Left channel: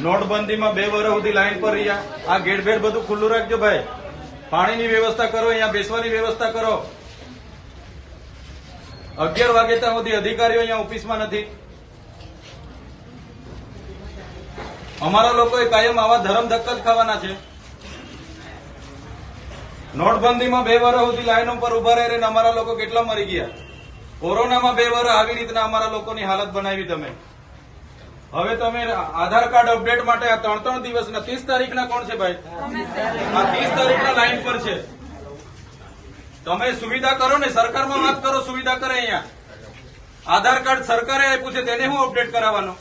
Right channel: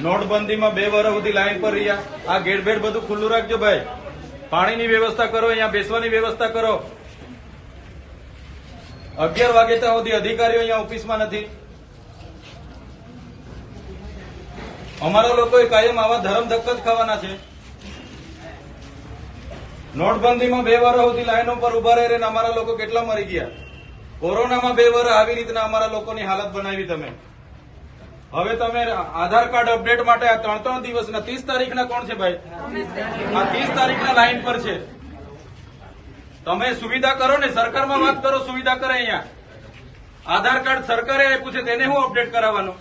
નોટબંધીમાં 2 વર્ષ સુધી લાઈન પર રહ્યા. આ ગેટ બેટ બધું ખુલ્લું રાખજો ભાઈ. પાણીની વ્યવસ્થા કરો, અહીંયા બેસવાની વ્યવસ્થા કરો. 11 વાગે ત્યાં સુધી અધિકારીઓ અહીંયા ઓફિસમાં નથી. અમારા લોકોએ કાયમ આવા ધરમ ધક્કા જ ખાવાના છે. નોટબંધીમાં 2 વર્ષ સુધી લાઈનો પર ઉભા રહીને અમારા લોકો કેટલા મરી ગયા. કોરોનામાં 2 વર્ષ આવી રીતના અમારા લોકોની હાલત બનાવી તમે. હવે તમે આધાર કાર્ડ અપડેટ માટે આ 3 દિવસના 30 તારીખના કોણ છે ભાઈ? આ 30 તારીખના લાઈન પર છે. તમે સુવિધા કરો ને, સરકારમાં વાત કરો, સુવિધા કરે. અહીંયા આધાર કાર્ડ સરકારે આપ્યું છે તેને હું અપડેટ કરાવવાનું,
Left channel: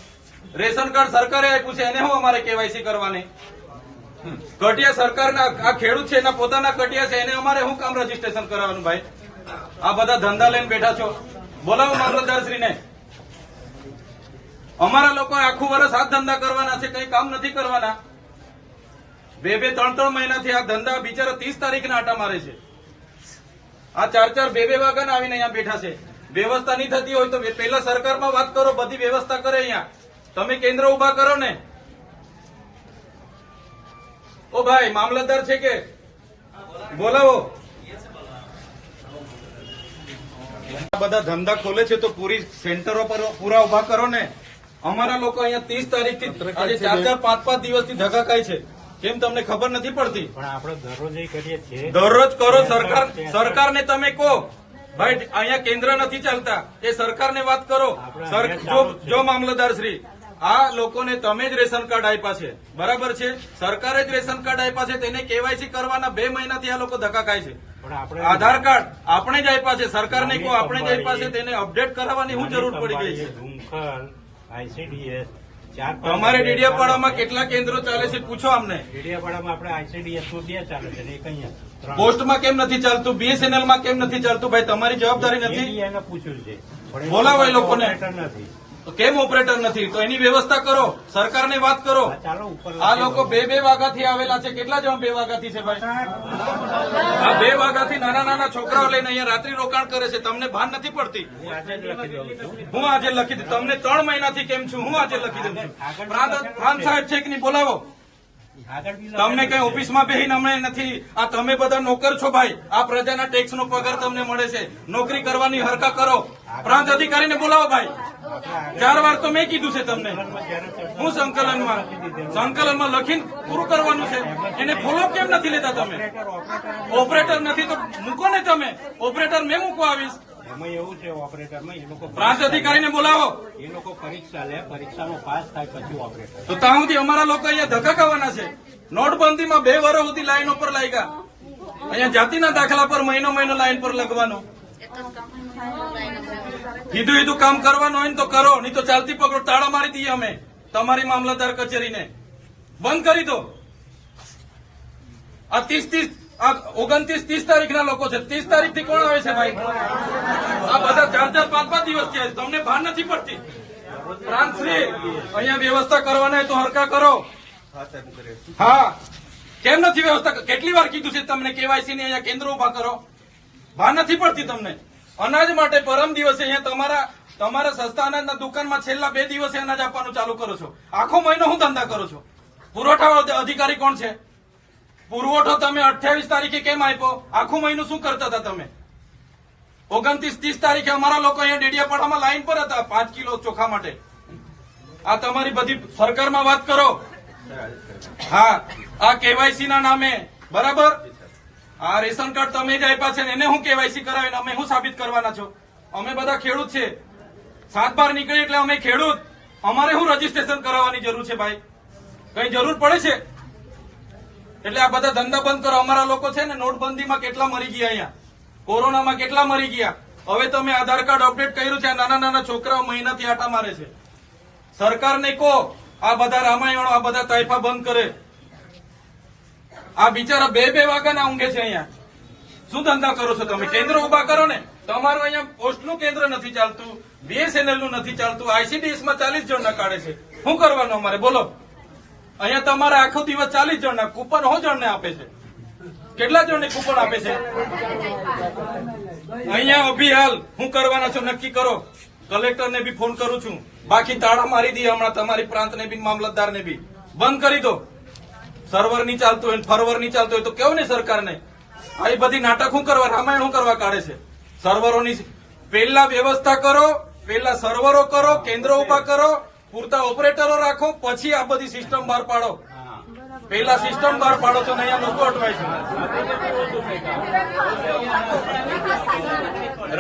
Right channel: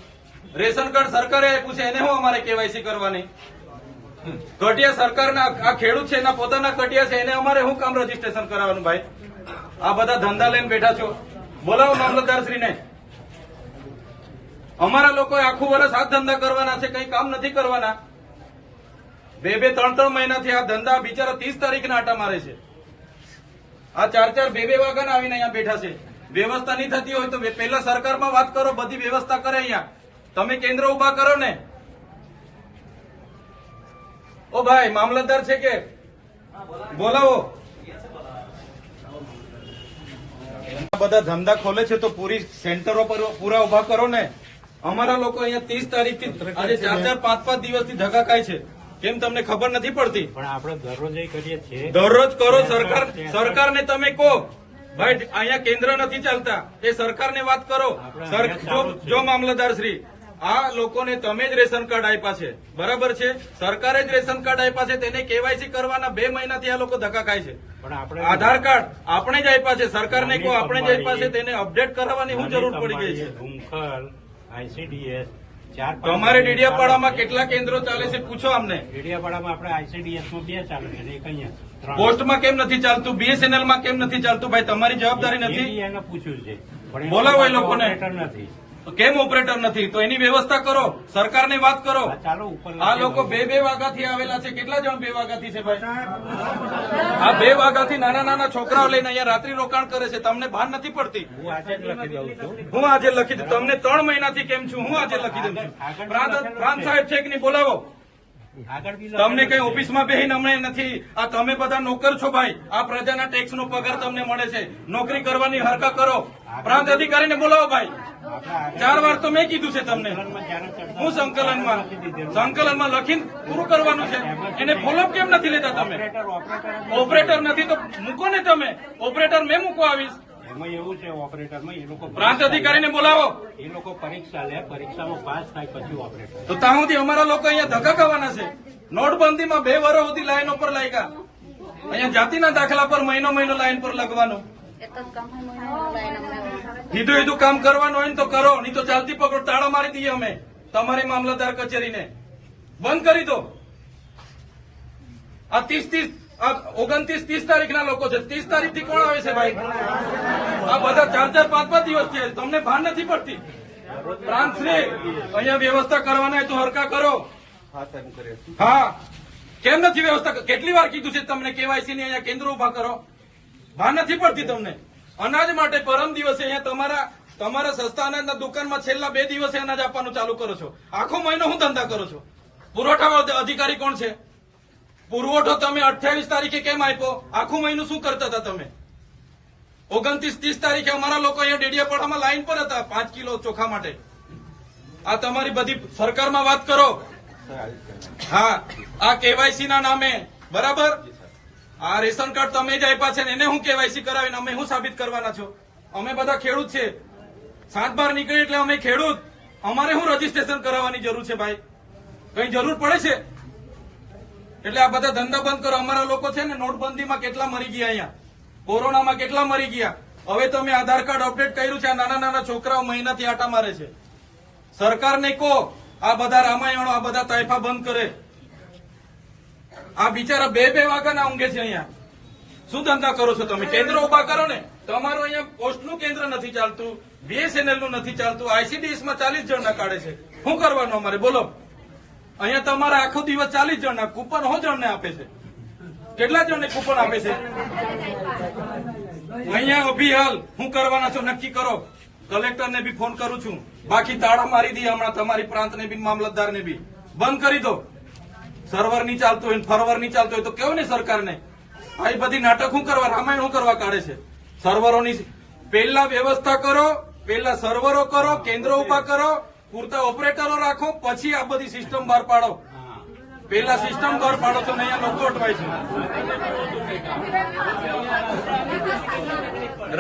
રેશન કાર્ડ સરકારે આપ્યું છે એને હું અમારે કેવાયસી કરવાની. કટિયા સરકારના આ ખેડૂત છે એના પોતાના કટિયા છે એને અમારે શું કામ રજીસ્ટ્રેશન કરાવવાનું ભાઈ? આ બધા ધંધા લઈને બેઠા છો. બોલાવો મામલતદારશ્રીને. અમારા લોકોએ આખું વર્ષ આ ધંધા કરવાના છે, કઈ કામ નથી કરવાના. 2-3 મહિનાથી આ ધંધા બિચારા 30 તારીખના આટા મારે છે. આ 4-4, 2-2 વાગ્યાના આવીને અહીંયા બેઠા છે. વ્યવસ્થા નહીં થતી હોય તો પહેલા સરકારમાં વાત કરો, બધી વ્યવસ્થા કરે. અહીંયા તમે કેન્દ્ર ઉભા કરો ને. ઓ ભાઈ મામલતદાર છે કે બોલાવો. બધા ધંધા ખોલે છે તો પૂરી સેન્ટરો પર પૂરા ઉભા કરો ને. અમારા લોકો અહીંયા 30 તારીખથી આજે 4-5 દિવસથી ધક્કા ખાય છે. કેમ તમને ખબર નથી પડતી? પણ આપણે દરરોજ કરીએ છીએ. દરરોજ કરો. સરકારને તમે કહો ભાઈ અહીંયા કેન્દ્ર નથી ચાલતા, એ સરકારને વાત કરો. જો મામલતદાર શ્રી, આ લોકોને તમે જ રેશન કાર્ડ આપ્યા છે, બરાબર છે? સરકારે જ રેશન કાર્ડ આપ્યા છે, તેને કેવાયસી કરવાના 2 મહિનાથી આ લોકો ધક્કા ખાય છે. આધાર કાર્ડ આપણે જ આપ્યા છે, સરકારને કહો આપણે જ આપ્યા છે, તેને અપડેટ કરાવવાની શું જરૂર પડી ગઈ છે? ICDS તમારે ડેડિયાપાડામાં કેટલા કેન્દ્રો ચાલે છે પૂછો અમને. ડેડિયાપાડામાં આપણે ICDS માં 2 ચાલે છે ને એક અહીંયા. પોસ્ટમાં કેમ નથી ચાલતું? BSNL માં કેમ નથી ચાલતું? ભાઈ તમારી જવાબદારી નથી? એને પૂછ્યું છે, બોલાવો એ લોકોને. નથી કેમ ઓપરેટર નથી? તો એની વ્યવસ્થા કરો, સરકારની વાત કરો. ચાલો ઉપર. આ લોકો 2-2 વાગ્યાથી આવેલા છે. કેટલા જણ 2 વાગ્યાથી છે ભાઈ? આ 2 વાગ્યાથી નાના છોકરાઓ લઈને અહીંયા રાત્રિ રોકાણ કરે છે. તમને ભાન નથી પડતી? હું આજે લખી દઉં. તમને 3 મહિનાથી કેમ છું હું આજે લખી દઉં છું. પ્રાંત સાહેબ છે કે નહીં? બોલાવો. તમને કઈ ઓફિસમાં બેહીને અમે નથી. આ તમે બધા નોકર છો ભાઈ. આ પ્રજાના ટેક્સનો પગાર તમને મળે છે. નોકરી કરવાની હરકા કરો. પ્રાંત અધિકારીને બોલાવો ભાઈ. 4 વાર તો મેં કીધું છે તમને. હું સંકલનમાં લખીને પૂરું કરવાનું છે. એને ફોલોઅપ કેમ નથી લેતા તમે? ઓપરેટર નથી તો મૂકો ને તમે. ઓપરેટર મેં મૂકો આવીશ. એમાં એવું છે ઓપરેટરમાં એ લોકો પ્રાંત અધિકારીને બોલાવો. એ લોકો પરીક્ષા લે, પરીક્ષાનો પાસ થાય પછી ઓપરેટર. તો ત્યાં સુધી અમારા લોકો અહીંયા ધક્કા ખાવાના છે. નોટબંધીમાં 2 વર્ષ સુધી લાઈનો પર લાગ્યા. અહીંયા જાતિના દાખલા પર મહિનો લાઈન પર લગવાનું. કીધું કામ કરવાનું હોય ને તો કરો, નહીં તો ચાલતી પકડો. તાળા મારી દઈએ અમે તમારી મામલતદાર કચેરીને. બંધ કરી દો. આ 29-30 તારીખના લોકો છે. 30 તારીખથી કોણ આવે છે ભાઈ? આ બધા 4-5 દિવસથી. તમને ભાન નથી પડતી? પ્રાંતશ્રી અહીંયા વ્યવસ્થા કરવાના તો હરકા કરો. હા, કેમ નથી વ્યવસ્થા? કેટલી વાર કીધું છે તમને કેવાયસી ની અહીંયા કેન્દ્ર ઉભા કરો? ભાન નથી પડતી તમને? અનાજ માટે પરમ દિવસે અહીંયા તમારા સસ્તા અનાજના દુકાનમાં છેલ્લા 2 દિવસે અનાજ આપવાનું ચાલુ કરો છો. આખો મહિનો હું ધંધા કરો છો? પુરવઠા અધિકારી કોણ છે? પુરવઠો તમે 28 તારીખે કેમ આપ્યો? આખું મહિનું શું કરતા હતા તમે? 29-30 તારીખે અમારા લોકો અહીંયા ડેડિયાપાડામાં લાઈન પર હતા 5 કિલો ચોખા માટે. આ તમારી બધી સરકારમાં વાત કરો. હા, આ કેવાયસી ના નામે, બરાબર? આ રેશન કાર્ડ તમે જ આપ્યા છે ને એને હું કેવાયસી કરાવીને અમે શું સાબિત કરવાના છો? અમે બધા ખેડૂત છે. 7-12 નીકળી એટલે અમે ખેડૂત. અમારે શું રજીસ્ટ્રેશન કરાવવાની જરૂર છે ભાઈ? કઈ જરૂર પડે છે? એટલે આ બધા ધંધા બંધ કરો. અમારા લોકો છે ને નોટબંધીમાં કેટલા મરી ગયા, અહીંયા કોરોનામાં કેટલા મરી ગયા. હવે તમે આધાર કાર્ડ અપડેટ કર્યું છે. નાના છોકરાઓ મહિનાથી આટા મારે છે. સરકારને કહો આ બધા રામાયણો, આ બધા તાઇફા બંધ કરે. આ બિચારા 2-2 વાગ્યાના ઊંઘે છે. અહીંયા શું ધંધા કરો છો તમે? કેન્દ્ર ઉભા કરો ને. તમારું અહીંયા પોસ્ટનું કેન્દ્ર નથી ચાલતું, BSNL નું નથી ચાલતું, ICDS માં 40 જણના કાઢે છે. શું કરવાનું અમારે બોલો? અહીંયા તમારે આખો દિવસ 40 જણના કૂપન હો જણને આપે છે. કેટલા જણને કૂપન આપે છે? અહીંયા અભિહાલ શું કરવાના છો નક્કી કરો. કલેક્ટરને બી ફોન કરું છું. બાકી તાળા મારી દઈએ હમણાં તમારી પ્રાંતને બી, મામલતદારને બી. બંધ કરી દો. સર્વર નહીં ચાલતું હોય, ફરવર નહીં ચાલતું હોય તો કેવું ને સરકારને આ બધી નાટક શું કરવા, રામાયણ શું કરવા કાઢે છે? સર્વરોની પહેલા વ્યવસ્થા કરો, પહેલા સર્વરો કરો, કેન્દ્રો ઉભા કરો, પૂરતા ઓપરેટરો રાખો, પછી આ બધી સિસ્ટમ બહાર પાડો. પહેલા સિસ્ટમ બહાર પાડો તો અહીંયા લોકો અટવાય છે.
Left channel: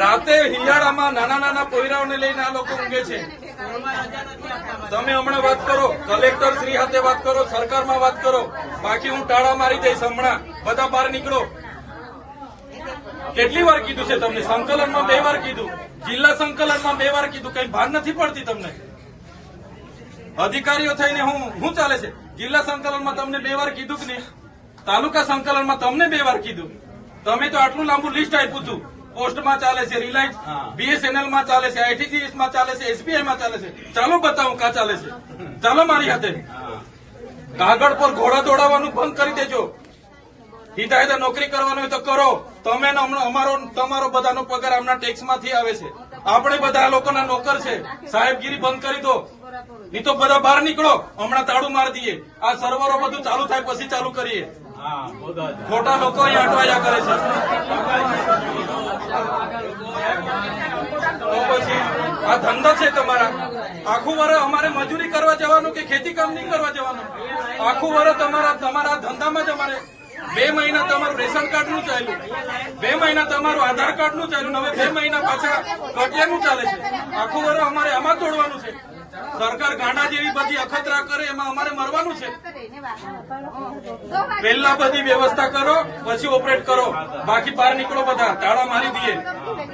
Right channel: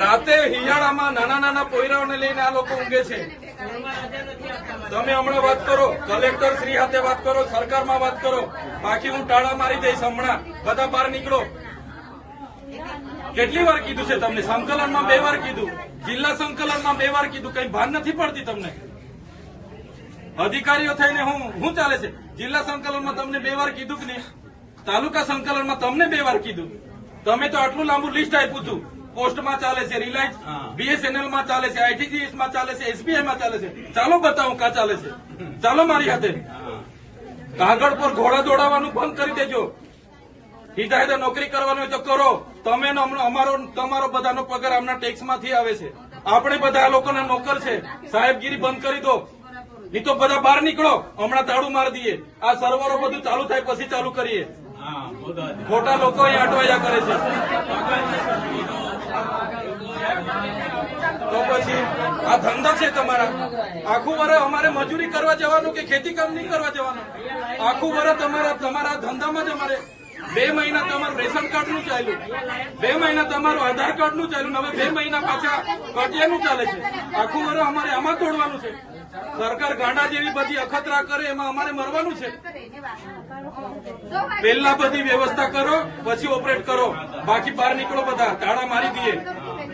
રાતે હિયાળામાં નાના નાના પોયરાઓને લઈને આ લોકો ઊંઘે છે. તમે હમણાં વાત કરો, કલેક્ટર શ્રી સાથે વાત કરો, સરકારમાં વાત કરો, બાકી હું ટાળા મારી દઈશ. હમણાં બધા બહાર નીકળો. કેટલી વાર કીધું છે તમને? સંકલનમાં 2 વાર કીધું, જિલ્લા સંકલનમાં 2 વાર કીધું. કઈ ભાન નથી પડતી તમને? અધિકારીઓ થઈને હું ચાલે છે? જિલ્લા સંકલનમાં તમને 2 વાર કીધું કે નહીં? તાલુકા સંકલનમાં તમને 2 વાર કીધું. તમે તો આટલું લાંબુ લિસ્ટ આપ્યું હતું. પોસ્ટમાં ચાલે છે, રિલાયન્સ BSNL માં ચાલે છે, ITGS માં ચાલે છે, SBI માં ચાલે છે. ચાલો બતાવો કા ચાલે છે. ચાલો મારી હાથે. કાગળ પર ઘોડા દોડાવવાનું બંધ કરી દેજો. હિદાયતે નોકરી કરવાનું હોય તો કરો. તમે તમારો બધાનો પગાર આમના ટેક્સમાંથી આવે છે. આપણે બધા આ લોકોના નોકર છે. સાહેબગીરી બંધ કરી દો, નહીં તો બધા બહાર નીકળો. હમણાં તાળું મારી દઈએ. આ સર્વરો બધું ચાલુ થાય પછી ચાલુ કરીએ. ખોટા લોકો અહીંયા અટવાયા કરે છે. તો પછી આ ધંધો છે તમારા. આખું વર્ષ અમારે મજૂરી કરવા જવાનું કે ખેતી કામ નહીં કરવા જવાનું? આખું વર્ષ તમારા ધંધામાં જ અમારે 2 મહિના તમારું રેશન કાર્ડ નું ચાલ્યું, 2 મહિના તમારું આધાર કાર્ડ નું ચાલ્યું, હવે 2 મહિના પાછા કટિયાનું ચાલે છે. આખું વર્ષ અમારે આમાં જ દોડવાનું છે. સરકાર ગાંડા જેવી બધી અખતરા કરે એમાં અમારે મરવાનું છે. પહેલા બધી વ્યવસ્થા કરો, પછી ઓપરેટ કરો. બાકી બહાર નીકળો, બધા તાળા મારી દઈએ.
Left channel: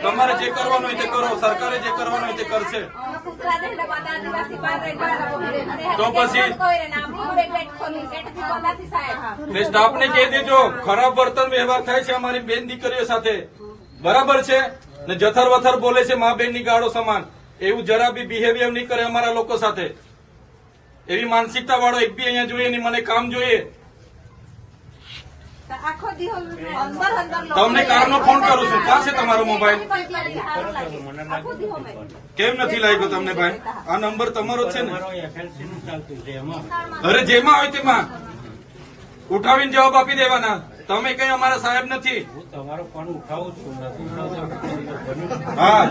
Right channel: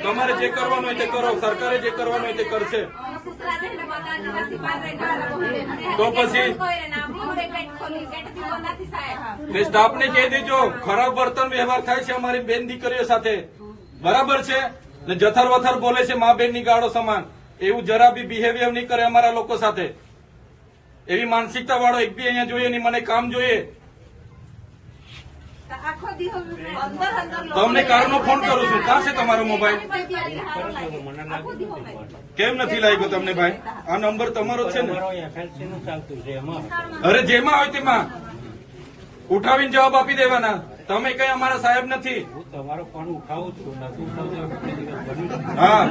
તમારે જે કરવાનું હોય તે કરો. સરકારે જે કરવાનું હોય તે કરશે. તો પછી સ્ટાફને કહી દેજો, ખરાબ વર્તન વ્યવહાર થાય છે અમારી બેન દીકરીઓ સાથે. બરાબર છે ને? જથર વથર બોલે છે મા બેન ની ગાળો સમાન. એવું જરા બી બિહેવિયર નહીં કરે અમારા લોકો સાથે. એવી માનસિકતા વાળો એક બી અહીંયા જોઈએ નહીં. મને કામ જોઈએ. તમને કારનો ફોન કરું છું. ક્યાં છે તમારો મોબાઈલ? કેમ નથી લાગ્યો તમને ભાઈ? આ નંબર તમારો જ છે ને? અરે જેમાં હોય તેમાં ઉઠાવીને જવાબ આપી દેવાના. તમે કઈ અમારા સાહેબ નથી. તમારો ફોન ઉઠાવું છું, નથી ઉઠાવતો. હા,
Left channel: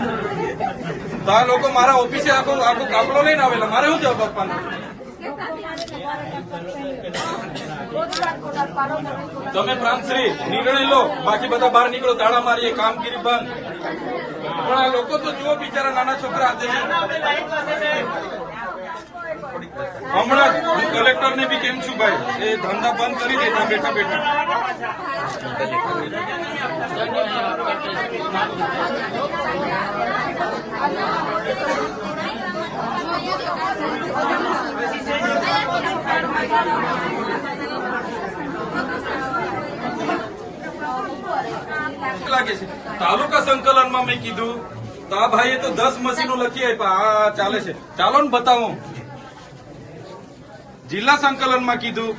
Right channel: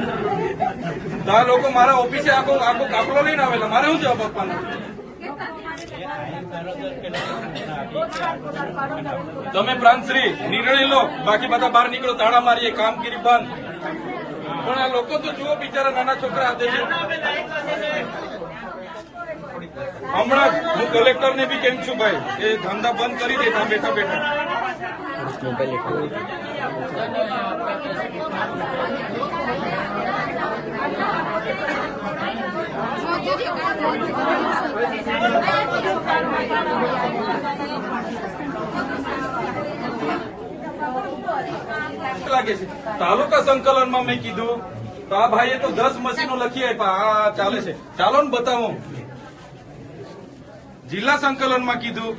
તો આ લોકો મારા ઓફિસે આખો કાફલો લઈને આવેલા. મારે શું જવાબ આપવાનો? તમે પ્રાંતશ્રી નિર્ણય લો, બાકી બધા બહાર નીકળો. તાળા મારીએ, કામગીરી બંધ. પણ આ લોકો તો જુઓ, બિચારા નાના છોકરા હાથે. હમણાં હું કલેક્ટરને બી કેમ છું ભાઈ, એ ધંધા બંધ કરી દે બેઠા બેઠા. લાગે છે તાલુકા સંકલનમાં મેં કીધું તો આ ભાઈએ તો 10 મશીનો લખી આપ્યા. આ ચાલે છે. ચાલો ને બતાવો. જિલ્લા સંકલનમાં કીધું.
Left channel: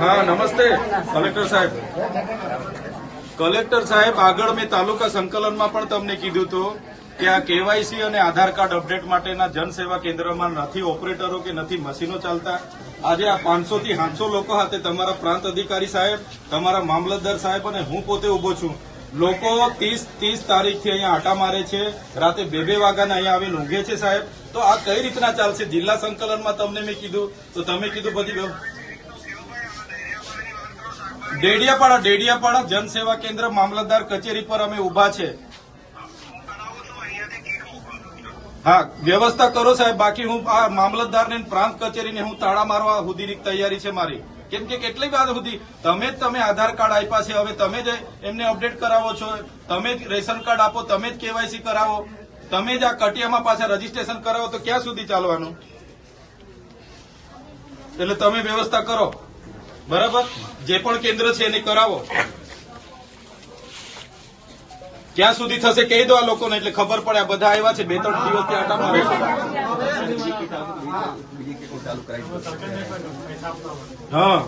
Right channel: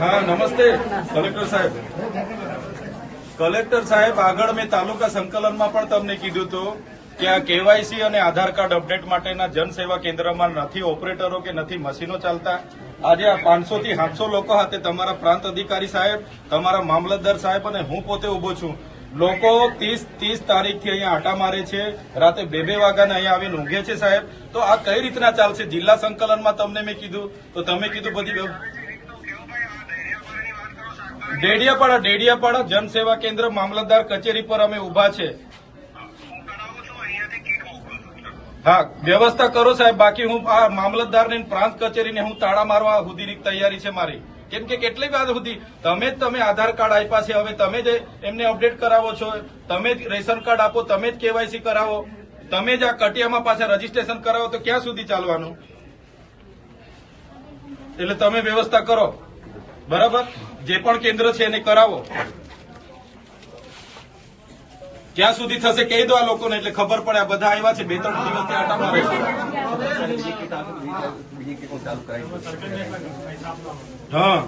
હા, નમસ્તે કલેક્ટર સાહેબ. કલેક્ટર સાહેબ, આગળ મેં તાલુકા સંકલનમાં પણ તમને કીધું હતું કે આ કેવાયસી અને આધાર કાર્ડ અપડેટ માટેના જનસેવા કેન્દ્રમાં નથી ઓપરેટરો કે નથી મશીનો ચાલતા. આજે આ 500 થી 700 લોકો હાથે તમારા પ્રાંત અધિકારી સાહેબ, તમારા મામલતદાર સાહેબ અને હું પોતે ઉભો છું. લોકો 30 તારીખથી અહીંયા આટા મારે છે. રાતે 2 વાગ્યાના અહીંયા આવીને ઊંઘે છે સાહેબ. તો આ કઈ રીતના ચાલશે? જિલ્લા સંકલનમાં તમને મેં કીધું તો તમે કીધું બધી ડેડિયાપાડા જનસેવા કેન્દ્ર મામલતદાર કચેરી પર અમે ઉભા છે. હા, વ્યવસ્થા કરો સાહેબ. બાકી હું આ મામલતદારને પ્રાંત કચેરીને હું તાળા મારવા સુધીની તૈયારી છે મારી. કેમ કે કેટલી વાર સુધી તમે આધાર કાર્ડ આપ્યા છે, હવે તમે જ એમને અપડેટ કરાવો છો, તમે જ રેશન કાર્ડ આપો, તમે જ કેવાયસી કરાવો, તમે જ આ કટિયામાં પાછા રજીસ્ટ્રેશન કરાવો, તો ક્યાં સુધી ચાલવાનું? એટલે તમે વ્યવસ્થા કરો. બરાબર? જે પણ કેન્દ્ર છે એને કરાવો. ક્યાં સુધી થશે કહી દો આ લોકોને, એટલે ખબર પડે. આ બધા આવ્યા છે 2-3 દિવસથી આટા મારે છે. હા.